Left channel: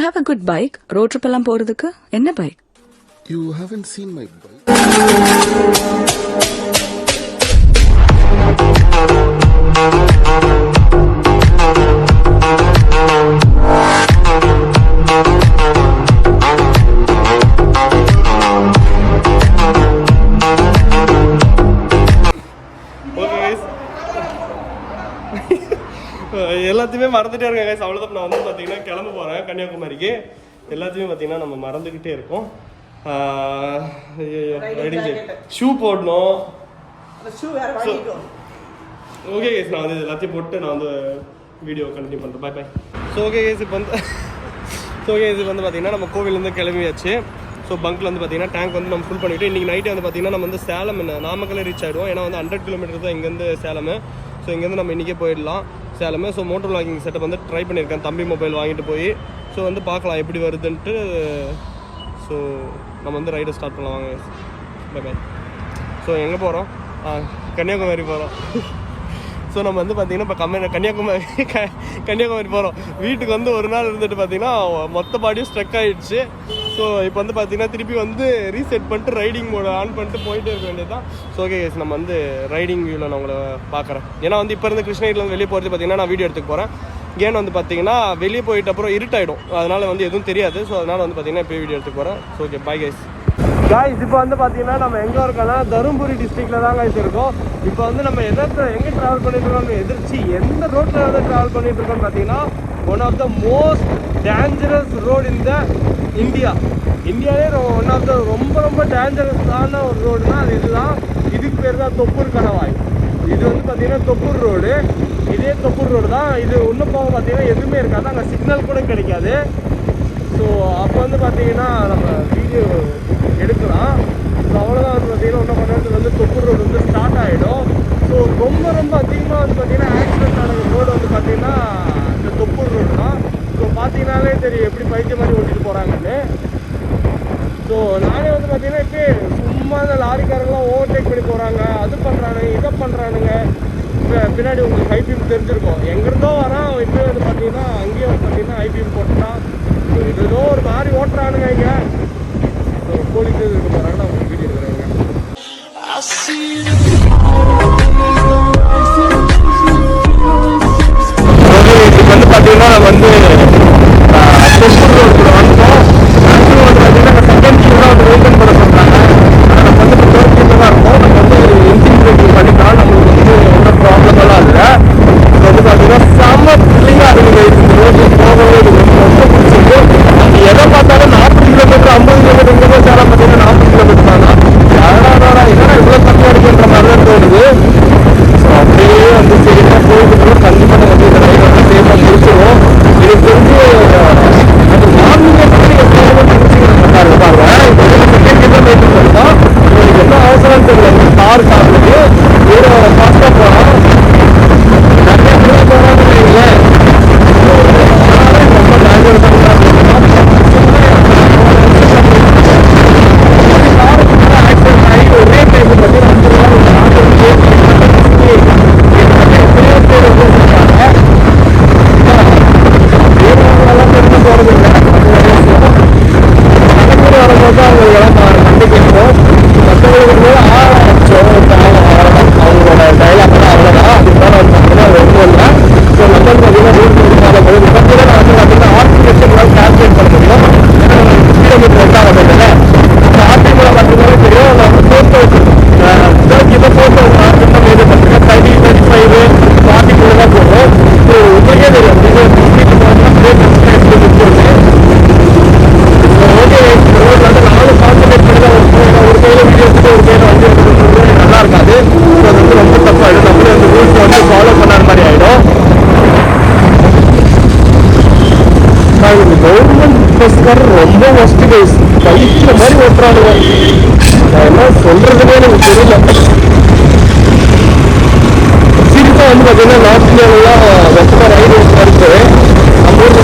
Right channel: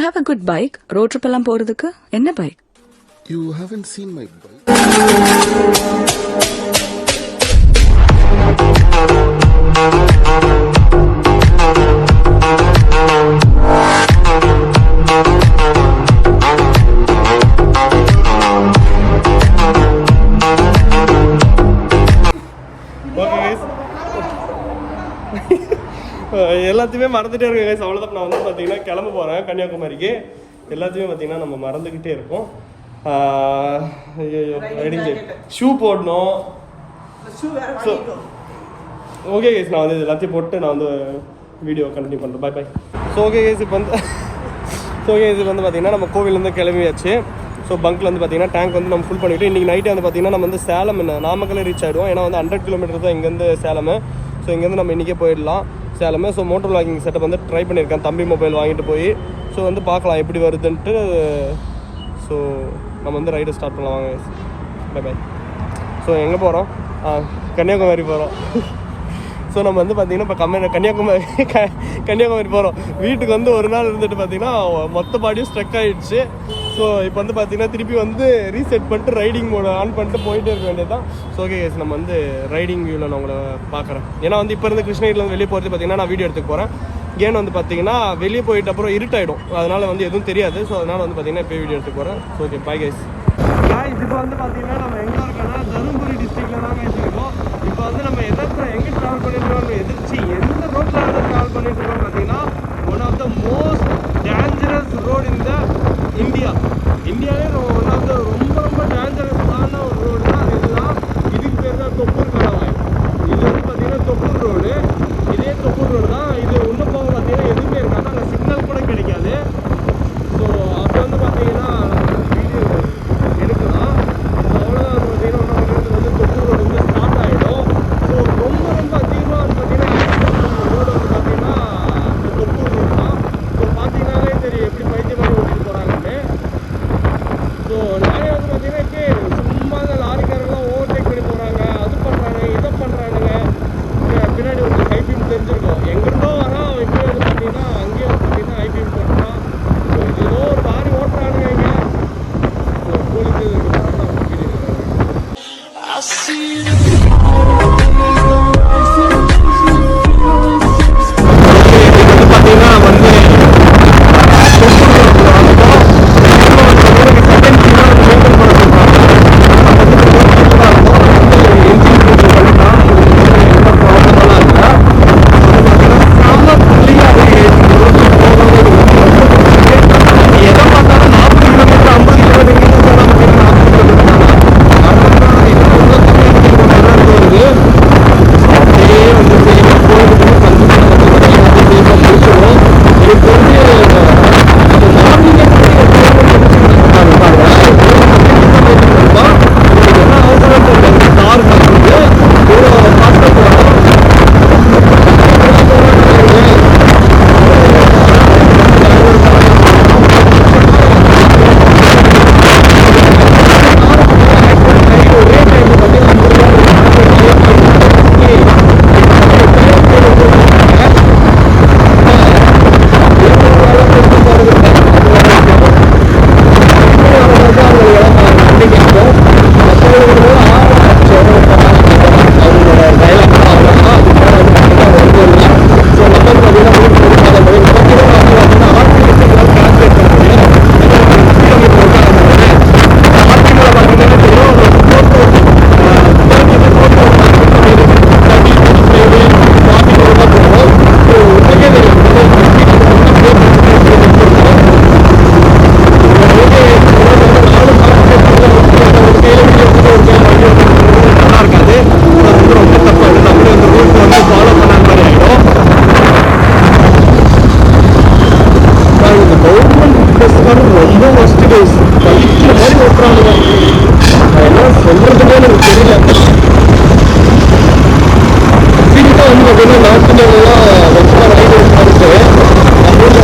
you have a good bike? Road trip எல்லாம் போறதுக்கு என்ன bike? You haven't seen my bike. எல்லாத்தையுமே மறந்துட்டே இருக்கேன் கைஸ். அவ்வளோதான். நான் வந்து பார்த்தீங்கன்னா கிளம்ப போகிறேன் கன்னியாகுமரிக்கு. எல்லாத்தையுமே பார்த்தீங்கன்னா நம்ம மறந்துக்கிட்டே இருக்கோம். ஐயோ ரைடிங் சைட் ஷூ போடணும். ஸோ ஓகே கைஸ், நான் வந்து எல்லாத்தையும் போட்டு நான் வந்து வீடியோ கண்டினியூ பண்ணுறேன். பாய் பாய். ஸோ ஓகே கைஸ், இப்போ வந்து பார்த்தீங்கன்னா நம்ம கோவிலேருந்து கிளம்பியாச்சு. ஸோ பங்க்கில் வந்து பார்த்தீங்கன்னா டேங்க் வந்து நம்ம ஃபுல் பண்ணிவிட்டு இன்றைக்கி நைட்டே வந்து பார்த்தீங்கன்னா நம்ம வந்து சேலம் நாமக்கல்ல ரீச் ஆகிடுவோம். ஏன்னா வந்து 100 கிலோமீட்டர் தான் இங்கேருந்து சேலம். ஸோ இங்கேருந்து நம்ம இன்றைக்கே போயிடலாம் சேலமே. ஸோ மோட்டர் வ்ளாகிங் செட்டப் வந்து ட்ரை பண்ணியிருக்கேன். தம்பி மொபைல் வாங்கிட்டு போய் ஸோ வந்து பார்க்கலாம் எப்படி வருதுன்ட்டு. ஸோ நம்ம வந்து ரைடை ஸ்டார்ட் பண்ணலாம் வாங்க. By by. ஸோ எங்கே போகிறோம்? கன்னியாகுமரி போகிறோம். ஸோ நம்ம வந்து பார்த்தீங்கன்னா இப்போ கன்னியாகுமரி போகிறோம். வீட்டுக்கு வந்து ஒரு நாள் இருந்துட்டு பார்த்தீங்கன்னா மொத்த பாடியும் ஸ்ட்ரக் ஆகிடுச்சு. ஸோ இப்போ வந்து பார்த்தீங்கன்னா திருப்பி வந்து ரீசெட் பண்ணிட்டு ரைடிங் மோட ஆன் பண்ணிட்டு போயிட்டே இருக்க வேண்டியது தான். ஸோ ஓகே கேஸ், நம்ம வந்து ரைடிங் வியூவில் நான் உங்களை பார்க்குறேன். ஏன்னா வந்து இப்போ இருந்து கிருஷ்ணகிரியில் வெளியே போகிறது பார்த்தீங்கன்னா நான் வீடியோ எடுத்துக்க போகிறேன். ஏன்னு வந்து பார்த்தீங்கன்னா வெளியே போயிட்ட அப்புறம் இருட்டாயிடும், அதனால் வந்து எதுவும் தெரியாது. ஸோ அதனால் வந்து பார்த்தீங்கன்னா இப்போ வீடியோ எடுத்துக்க போகிறேன். So okay bye guys. Guys இப்போ வந்து பார்த்தீங்கன்னா நம்ம எங்கே இருக்கோம்னா தருமபுரி டிஸ்ட்ரிக்டில் தான் காய்ஸ் இருக்கோம். இப்போ வந்து நம்ம எங்கே ட்ராவல் பண்ணிட்டு இருக்கோம், எந்த ரோட்டில் வந்து ட்ராவல் பண்ணிட்டு இருக்கோம்னு பார்த்தீங்கன்னா one of the most dangerous road in the இந்தியாவே ஒன் ஆஃப் த ரொம்ப டேஞ்சரஸான ஒரு ரோடு தான் அது. இதுதான் இதுக்கு பேர் தான் தொப்பூர் கணவாய். இது வந்து பார்த்தீங்கன்னா தொப்பூர் ரோடு. இதே தொப்பூர் ரோடு தான். இது இன்னும் போக பார்த்தீங்கன்னா எதுவுமே இருக்காது, அங்கே சிக்னல் கூட கிடைக்காது. ஸோ அப்போ வந்து பார்த்தீங்கன்னா நம்ம வீடியோ எடுக்கலாம். ஸோ அவ்வளோதான் வந்து பார்த்தீங்கன்னா ஒன்றும் பண்ணுறது வந்து தொப்பூர் ரோடு வந்து ஸ்டார்ட் ஆகிடும். ஸோ ரொம்ப அதிகமாக வந்து பார்த்தீங்கன்னா ஆக்சிடென்ட் ஆன ரோடு வந்து பார்த்தீங்கன்னா இந்த தொப்பூர் ரோடு தான். ஸோ பார்த்தீங்கன்னாலே தெரியும் எப்படி பைத்தியம் பண்ணி ஓட்டிட்டு போகிறாங்கன்னு. ஸோ நாங்கள் வந்து பார்த்தீங்கன்னா சும்மா இந்த லாரிக்காரெல்லாம் ஓவர்டேக் பண்ணி போகிறாங்க, அது பண்ணுறாங்க, இதை பண்ணுறானுங்க. பின்னாடி உங்களுக்கு ஐபிஎல் தெரிஞ்சிருக்கும். எங்கிருந்தோ வரான் இங்கே வந்து பார்த்தீங்கன்னா அங்கேயும் பார்த்தீங்கன்னா ஐபிஎல் போட்டுனா ஏதோ ஒரு லாரி ஓட்டுறானுங்க. இங்கே கோழிக்கு வராங்க வந்து பார்த்தீங்கன்னா வந்து ஓப்பன் பண்ண சொல்றாங்க. நம்ம வந்து தான் இருக்கும். நம்ம வந்து இன்ஜின் பிரேக்கிங் பண்ணிக்கலாம். நம்மளுக்கு வந்து எந்த ப்ராப்ளமெல்லாம் இல்லை. இப்போ வந்து பார்த்தீங்கன்னா செம்ம ஃப்ரீயாக இருக்குது. இந்த ரோட்டில் போகவே ரொம்ப பிடிச்சிருக்கு. அது எதை பார்த்தாலும் 40 கிலோமீட்டர் 50 கிலோமீட்டர் சேர பார்த்தீங்கன்னா 40 கிலோமீட்டர் தானா யாராடா என்னன்னா இவ்வளோ கம்மியாக இருக்குன்ற மாதிரி தான் தோணுது. ஸோ அப்படியே வந்து சரிமா போயிட்டு கண்டிப்பாக வந்து இந்த ரயில் வந்து சேஃபாக முடிச்சிடும். எனக்கு தெரிஞ்சு அது மார்னிங் என்ன அவசரம் தெரியல. கார் காரணது ஒரு ஃபாஸ்ட்டாக போகலாம். ரொம்ப ஒஸ்ட் கைஸ். பைக்கில் மாதிரி ஓட்டுறானுங்க. நான் என்ன சொல்றதுன்னே எனக்கு தெரியல. சீரியஸாக வந்து பார்த்தீங்கன்னா நார்த் இந்தியாவிலாம் ரொம்ப ரைடர்ஸ் இருக்கு. நம்ம ஊரில்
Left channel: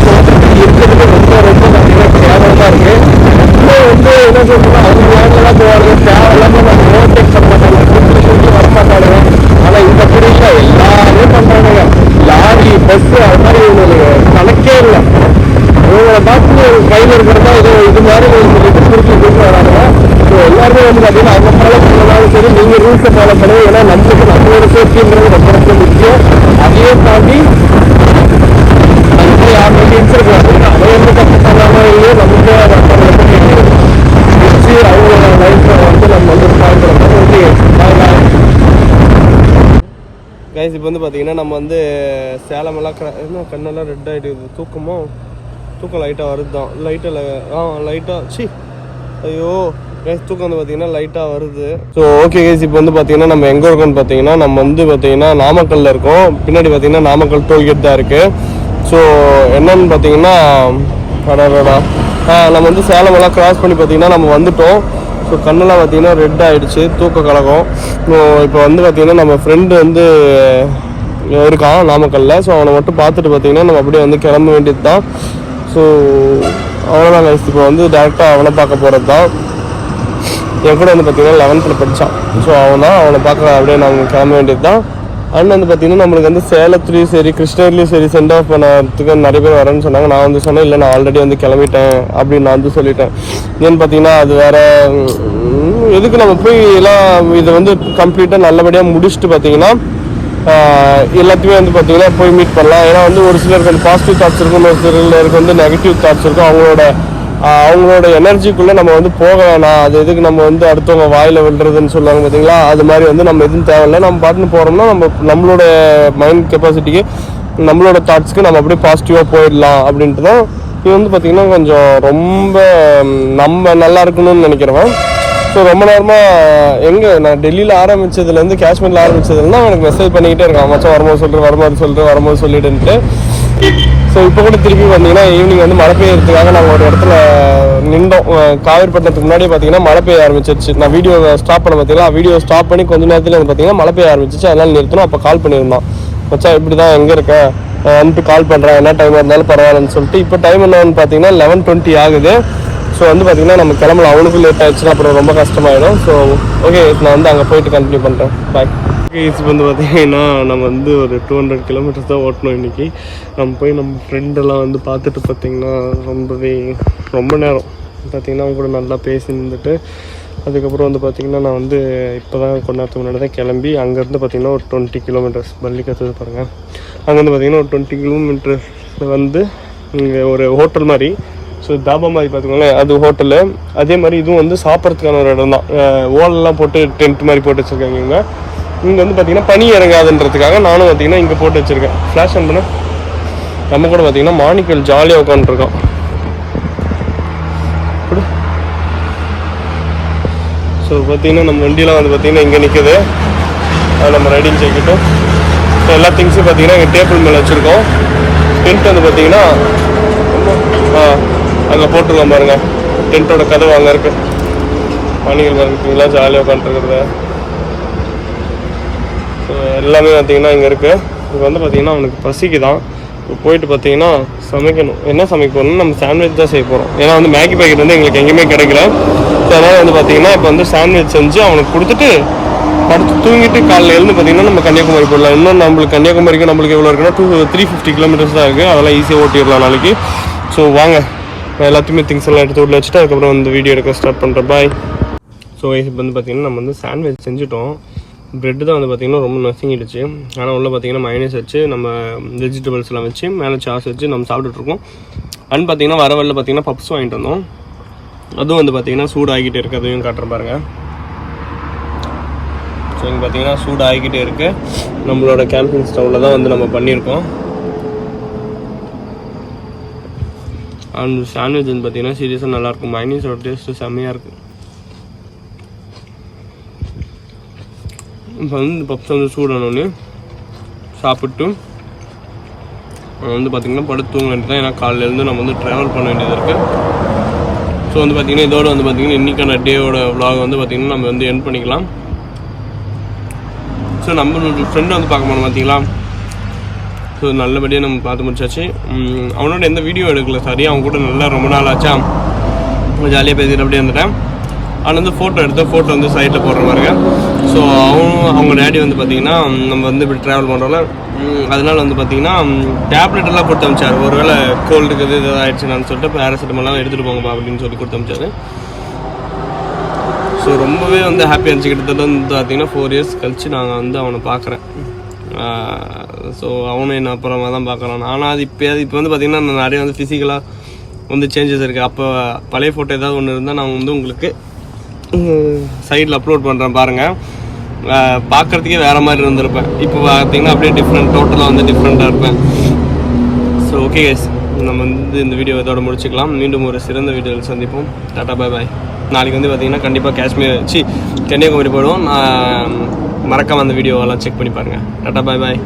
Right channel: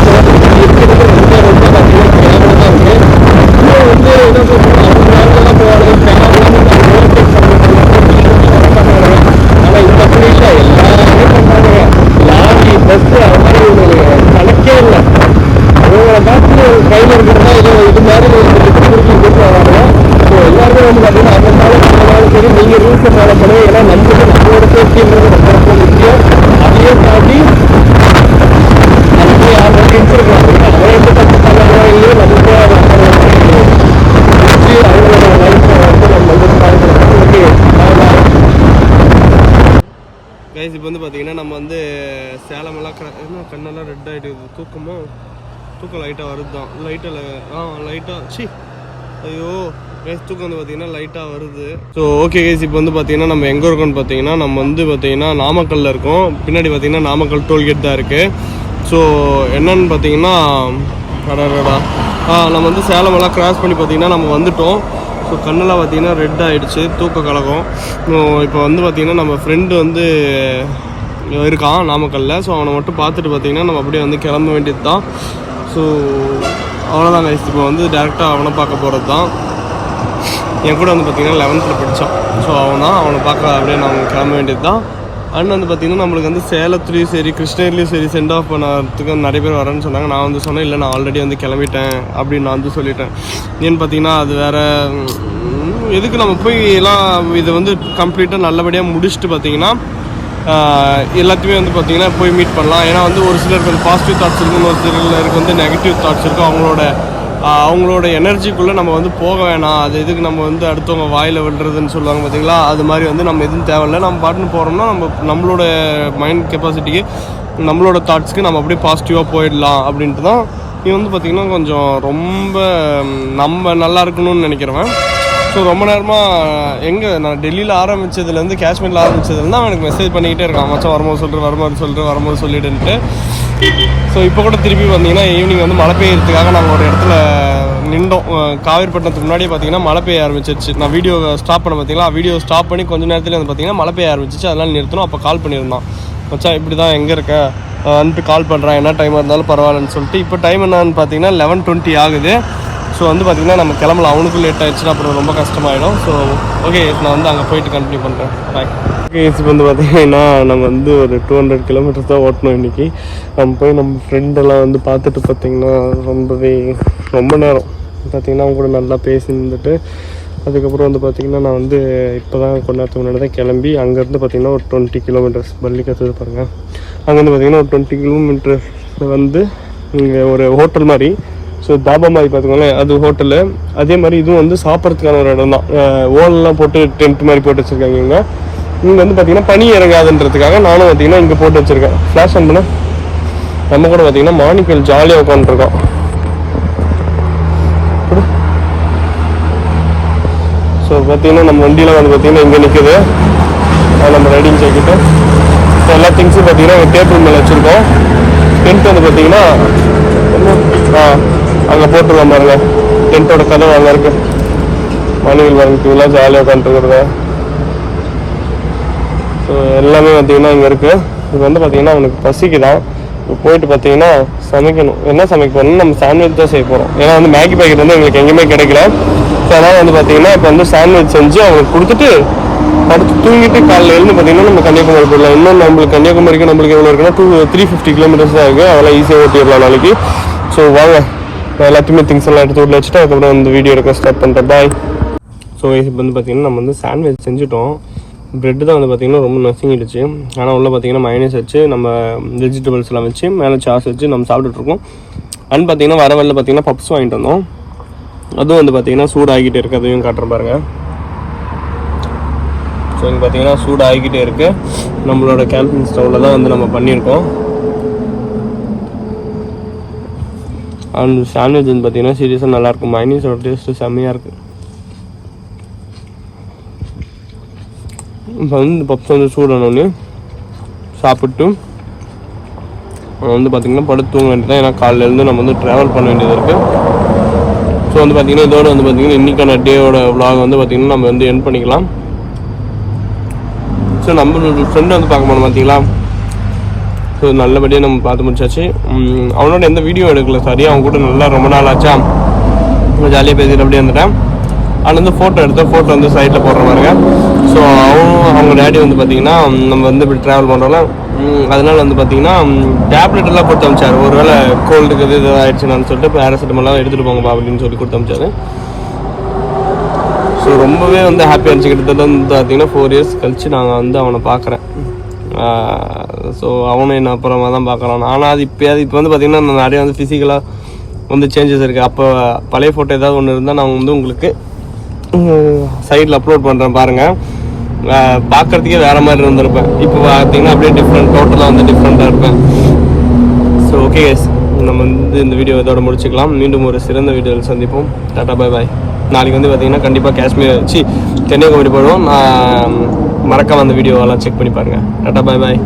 இருக்கிறதுக்கு ரொம்ப பார்த்தீங்கன்னா கேவலமாக இருக்கு. இன்னும் வந்து என்ன சொல்றோம், அவங்க வேலைலாம் போவாங்க, தேவையில்லாமல் நம்ம ஓவர்டேக் பண்ண மாட்டாங்க, வர மாட்டாங்க. ஆனால் இந்த புரியில எல்லாமே பண்ணுறானுங்க. லாரி பஸ்ஸு அது மாதிரி ஒரு கணக்கே இல்லை. அவங்கள பார்த்து கையில் இருக்கிறதா இது மாதிரி கொடுத்து வராங்க. ஸோ எல்லாருமே வந்து பார்த்தீங்கன்னா அவங்க ஃபாலோ பண்ணாலும் சரி, நீங்கள் ரூல்ஸை ஃபாலோ பண்ணுங்க. ஏன்னா நம்மளுக்கு நம்மளோட சேஃப்டின்றது ரொம்ப ரொம்ப முக்கியம். அதையும் தாண்டி அதுக்கு யார் வந்து இன்சிருக்காங்க, அவன் எந்த தப்பு பண்ணாங்க இல்லையோ நமக்கு வச்சு அவங்களோட லைஃப்பை வந்து நம்ம வந்து ஸ்பாயில் பண்ணணும். ஓகே கைஸ், இப்போ வந்து பார்த்தீங்கன்னா நம்ம வந்து சேலமெல்லாம் என்ன கண்ணெல்லாம் ரெட் ஆகிடுது. தூக்கம் லைட்டாக வருது தான். லைட்டாக ஐயோ கைஸ், தூக்கம் வந்து பார்த்தீங்கன்னா லைட்டாக வருது. ஸோ ஓகே கைஸ், இப்போ வந்து பார்த்தீங்கன்னா நம்ம எங்கே இருக்கோம்னு பார்த்தீங்கன்னா நம்ம வந்து பார்த்தீங்கன்னா நாமக்கல்லில் இருக்கோம். பின்னாடி பார்த்தீங்கன்னா நாமக்கல் டோல்கேட் தான் இருக்குது. ஸோ என்னன்னு பார்த்தீங்கன்னா நம்ம வந்து சேலமெல்லாம் கிராஸ் பண்ணி பார்த்தீங்கன்னா நம்ம வந்துட்டோம். ஸோ கண்ணெல்லாம் பார்த்தீங்கன்னா ரெட் ஆகிடுச்சு, தூக்க கலகம். இப்போ வந்து பார்த்தீங்கன்னா நம்ம ஃப்ரெண்டு வந்து இருக்கான் நாமக்கல்லில். ஸோ அவனை மட்டும் பார்த்துட்டு பார்த்தீங்கன்னா நம்ம அப்படியே வந்து கிளம்ப வேண்டியது தான். ஸோ அவ்வளோதான் கைஸ், இப்போ வந்து டேரெக்டாக அவனை பார்க்க போகிறது தான். என் கூட வந்து பார்த்தீங்கன்னா 11th படித்தான். ஸோ அவனை பார்க்க அப்படியே நாங்கள் கிளம்ப வேண்டியது தான். அண்ட் வந்து பார்த்தீங்கன்னா நம்மளுக்கு வந்து சேலத்துலேயும் சரி கிருஷ்ணகிரிலையும் சரி சென்ட் ஆஃப் பண்ணறதுக்கு நிறைய பேர் வரேன்னு சொன்னாங்க. நான் வந்து சொன்னேன் இல்லை, நான் ஆல்ரெடி வந்து கிளம்பிட்டேன் அப்படின்னு நான் வந்து சொல்லிட்டேன். ஏன்னு பார்த்தீங்கன்னா அது வேறு எதுக்கு நம்ம போய் எல்லாம் இதை வந்து கம்ப்ளீட்டாக நல்லபடியாக முடிச்சுட்டு பார்த்தீங்கன்னா எல்லாத்தையுமே வந்து பார்த்தீங்கன்னா போய் மீட் பண்ணலாம். ஏன்னா வந்து ஒரு சிலருக்கு வந்து பாசிட்டிவ் தாட்ஸ் இருக்கும், ஒரு சிலருக்கு வந்து நெகட்டிவ் தாட்ஸ் இருக்கும். அவங்களோட எனர்ஜிக்குள்ளே நம்ம வந்து போக வேணாம். அது எதுக்கு நம்ம வந்து அடுத்தவங்க வாயில் விழுறதுன்னு சொல்லுவாங்க பார்த்தீங்களா, அது மாதிரி வந்து நம்ம எதுவும் தேவையில்லை. நம்ம பாட்டுன்னு போகிறோம்னா நம்மளோட மைண்ட் கெப்பாசிட்டிக்கு நம்மளோட தாட்ஸ்க்கு நம்ம அப்படியே பாசிட்டிவாக போயிடலாம் அப்படின்ட்டு தான். இது வந்து பார்த்திங்கன்னா கொஞ்சம் ரொம்ப நம்ம நல்லா இருக்கணும்னு நினைக்கிறவன். ஸோ ரொம்ப நேரமாக எங்கே நான் டெல்லியில் ஆரம்பித்ததுலேருந்து காஷ்மீரில் ஆரம்பித்ததுலேருந்து அவனுக்கு மெசேஜ் பண்ணிக்கிட்டே இருக்கான், மச்சான் வரும்போது சொல்லிட்டுன்ட்டு. ஸோ இப்போ கூட திருப்பி பார்த்தீங்கன்னா ஈவினிங் வந்து மழை பெய்யறதுக்காக நாங்கள் ஒரு இடத்துல நின்றோம். காவேரிப்பட்டினத்துக்கு முன்னாடியே பார்த்தீங்கன்னா மழை பெய்ய ஆரம்பிச்சிருச்சு. நான் வீடியோ ஸ்டாப் பண்ண பார்த்தீங்களா, வீடியோ ஸ்டாப் பண்ணி கொஞ்சம் நேரத்தில் வந்து பார்த்தீங்கன்னா மழை பெய்ய ஆரம்பிச்சிச்சு. அதனால் நிறுத்தணும். அப்போ கால் பண்ணியிருந்தான், மச்சான் இப்படி தான் எங்கே இருக்க வந்துட்டு கால் பண்ணுறேன், என்ன டைம் இருந்தாலும் பரவாயில்லன்னு சொல்லிட்டு. இப்போ டைம் என்னன்னு பார்த்தீங்கன்னா 11:20 ஆகுது. ஸோ வந்து பார்த்தீங்கன்னா நம்ம கிளம்பலாம். அவனுக்கும் லேட் ஆகிடுச்சுன்னா அப்புறம் ரொம்ப கஷ்டமாயிடும். ஸோ ஓகே, நான் வந்து அங்கே போயிட்டு கண்டினியூ பண்ணுறேன். பாய். ஓகே, இப்போ வந்து பார்த்தீங்கன்னா நம்ம வந்து ஒரு 200 கிலோமீட்டர்ஸ் தான் ஓட்டணும் இன்றைக்கி. நம்ம போய் நம்ம ஃப்ரெண்டெல்லாம் வந்து பார்த்துட்டு பார்த்தீங்கன்னா ரொம்ப நேரம் பார்த்தீங்கன்னா அவங்க கூட நல்லா பேசி நின்றுட்டு அதுக்கப்புறம் வந்து பார்த்திங்கன்னா நான் வந்து இப்போ தான் கொஞ்ச நேரத்துக்கு முன்னாடி தான் கிளம்பி அங்கேருந்து பார்த்திங்கன்னா ஒரு 20 கிலோமீட்டர்ஸ் பள்ளிக்கத்து பாருங்கள். அங்கேருந்து பார்த்திங்கன்னா ஒரு 20 கிலோமீட்டர் வந்து இங்கே ஒரு ஹோட்டல் மாதிரி, ஸோ தாபா மாதிரி பார்த்துக்கோங்களேன், அது ஹோட்டலு. அதே மாதிரி இதுவும் வந்து சாப்பிட்றதுக்கான ஒரு இடம் தான். ஓலெல்லாம் போட்டு டென்ட் மாதிரி போட்டு வச்சுருக்காங்க. இங்கே வந்து பார்த்திங்கன்னா பனி இறங்காதுன்றதுக்காக நானும் பார்த்திங்கன்னா இங்கே போட்டு வச்சுருக்கேன். ஃப்ளாஷ் ஆன் பண்ண நம்ம கூட பார்த்திங்கன்னா மாணிக்கல் ஜாலியாக உட்காந்துருக்கோம். ஸோ பார்த்திங்கன்னா நம்ம வண்டியில் வந்து பார்த்திங்கன்னா இங்கே நிற்குது. நம்ம ரைடிங் செய்துட்டு எல்லா திங்ஸும் பார்த்திங்கன்னா ஒரு டேபிள் மேலே வச்சுருக்கோம். டென்ட் வந்து பார்த்திங்கன்னா அங்கே போட்டுருவோம் பாருங்க. டென்ட்டோட கதை நல்லா இருக்கும். மாணிக்கல் வாங்கிட்டுலாம் ஜாலியாக உட்காந்துருக்குறத எல்லாமே பார்த்திங்கன்னா இங்கே இருக்குது. இங்கே வந்து பார்த்திங்கன்னா அவனுக்கு பசிக்கு தான். இப்போ போயிட்டு பார்த்திங்கன்னா சமைக்கணும். என்ன சமைக்க போகிறோம்னா நம்ம சாண்ட்விச் தான் செய்ய போகிறோம். ஏன்னா வந்து மேகி பேக்கெட் வந்து எங்களுக்கு எங்கேயுமே கிடைக்கல. ஸோ அதனால் வந்து பார்த்திங்கன்னா இப்போ வந்து சாண்ட்விச் செஞ்சு அவனுக்கு கொடுத்துட்டு படுத்து தூங்கிட்டு காலையில் எழுந்து பார்த்திங்கன்னா நம்ம கன்னியாகுமரி போடலாம். இன்னும் நம்மளுக்கு கன்னியாகுமரிக்கு நம்மளுக்கு எவ்வளோ இருக்குன்னா 350 கிலோமீட்டர்ஸ் தான் இருக்குது. அதெல்லாம் ஈஸியாக ஓட்டிடலாம் நாளைக்கு. ஸோ வாங்க, எல்லாத்தையுமே திங்ஸ் எல்லாம் எடுத்து உள்ள வச்சுட்டு அதுக்கப்புறம் வந்து வீடியோ எடுக்க ஸ்டார்ட் பண்ணுறேன். பாய். ஸோ இப்போ வந்து பார்த்திங்கன்னா நம்ம வந்து சாண்ட்விச் செஞ்சுட்டோம். ப்ரெட்டு தான் வந்து பார்த்திங்கன்னா ரொம்ப நசுங்கிடுச்சு. ஆனால் உள்ளே பார்த்திங்கன்னா மைனஸ் வச்சு நம்ம வெஜிடபிள்ஸ் எல்லாம் வச்சு மேலே சாஸ் வச்சு நம்ம சாப்பிட்டுட்ருக்கோம். அண்ட் பார்த்திங்கன்னா வர வரல பார்த்திங்கன்னா பப்ஸ் வாங்கிட்டு வந்தோம். அதுவும் வந்து பார்த்திங்கன்னா சூடாகிக்கிட்டே இருக்குது. அதையும் காட்டுற பாருங்க. ஸோ இங்கே பார்த்திங்கன்னா சூடாகிக்கிட்டே இருக்குது. நம்மளோட கேம்பிங் ஸ்டவ்வில் தான் வந்து நம்ம பண்ணியிருக்கோம். அண்ட் சாண்ட்விச் வந்து பார்த்திங்கன்னா சீரியஸாக நல்லாயிருக்கும். மைனஸோட டேஸ்ட்டு செம்மையாக இருக்குது. இப்போ வந்து இந்த பப்ஸ் வந்து சூடானோடனே சாப்பிட்டு வந்து பார்த்திங்கன்னா படுத்து தூங்க வேண்டியது தான். ஏன்னா காலையிலேருந்து நம்ம வந்து ட்ராவல் பண்ண வேண்டியது இருக்குது. ஸோ வந்து பார்த்திங்கன்னா இதோடு வந்து பார்த்திங்கன்னா இன்றைக்கான டேயோட விலாக் வந்து பார்த்திங்கன்னா நம்ம வந்து எண்ட் பண்ணிக்கலாம். ஸோ நம்மளோட ஃப்ரெண்டை வந்து பார்க்க போனோம் பார்த்திங்களா. ஸோ நல்லபடியாக நம்ம பார்த்து முடிச்சாச்சு. அவனோட எந்த வீடியோ எடுக்கல, சாரி. அவன் கூட நல்லா ரொம்ப நாள் ஆச்சா ஜாலியாக பேசிட்டு அப்படியே வந்துட்டேன். அதில் வந்து ஃபோட்டோ எடுத்து ஃபோட்டோ வந்து சைடில் போடுற மாதிரிங்க. ஸோ அவங்க டேடி வந்து பார்த்தீங்கன்னா நம்ம வந்து இப்படி ட்ராவல் பண்ணுறோம்ல, அதனால வந்து பார்த்தீங்கன்னா டேப்லெட் எல்லாம் கொடுத்து அமிச்சார். ஒருவேளை கோல்டுக்கு இது ஆயிடுச்சுன்னு சொல்லிட்டு பேராசிட்டமெல்லாம் எடுத்துகிட்டு போங்கப்பா அப்படின்னு சொல்லி கொடுத்து அமிச்சாரு. ஸோ ரொம்பவே வந்து ஹாப்பியாக இருந்துச்சு. கிட்டத்தட்ட வந்து பார்த்தீங்கன்னா 4 years கழிச்சு நாங்கள் வந்து அவனை பார்க்குறேன். ஸோ அவனும் என்ன அப்புறமா தான் பார்க்குறான். ஆனால் அது இப்போ வந்து பார்த்திங்கன்னா நிறைய வந்து ஃபிசிக்கலாக வந்து சேஞ்சஸ் இருக்குது. அப்போ பழைய ஃபோட்டோ ஏதாவது ஒன்று இருந்தால் நான் வந்து உங்களுக்கு சைடில் அப்லோட் பண்ணுறேன் பாருங்கள். பார்க்குறதுக்கே வேறு மாதிரி இருந்திருப்பேன். இப்போ பார்த்தீங்கன்னா அப்படியே டோட்டலாக வந்து டிஃப்ரெண்ட்டாக இருப்பேன். ஸோ ஓகே கைஸ், நம்ம வந்து இந்த வீடியோ இதோட முடிச்சுக்கலாம். மீண்டும் ஒரு சிறந்த வீடியோவில் சந்திப்போம். Tata bye bye. நாளைக்கு வந்து பார்த்தீங்கன்னா கண்டிப்பாக கன்னியாகுமரி போயிடுவோம். நான் மறக்காம அந்த வீடியோவெல்லாம் செக் பண்ணி பாருங்கள். Tata bye bye.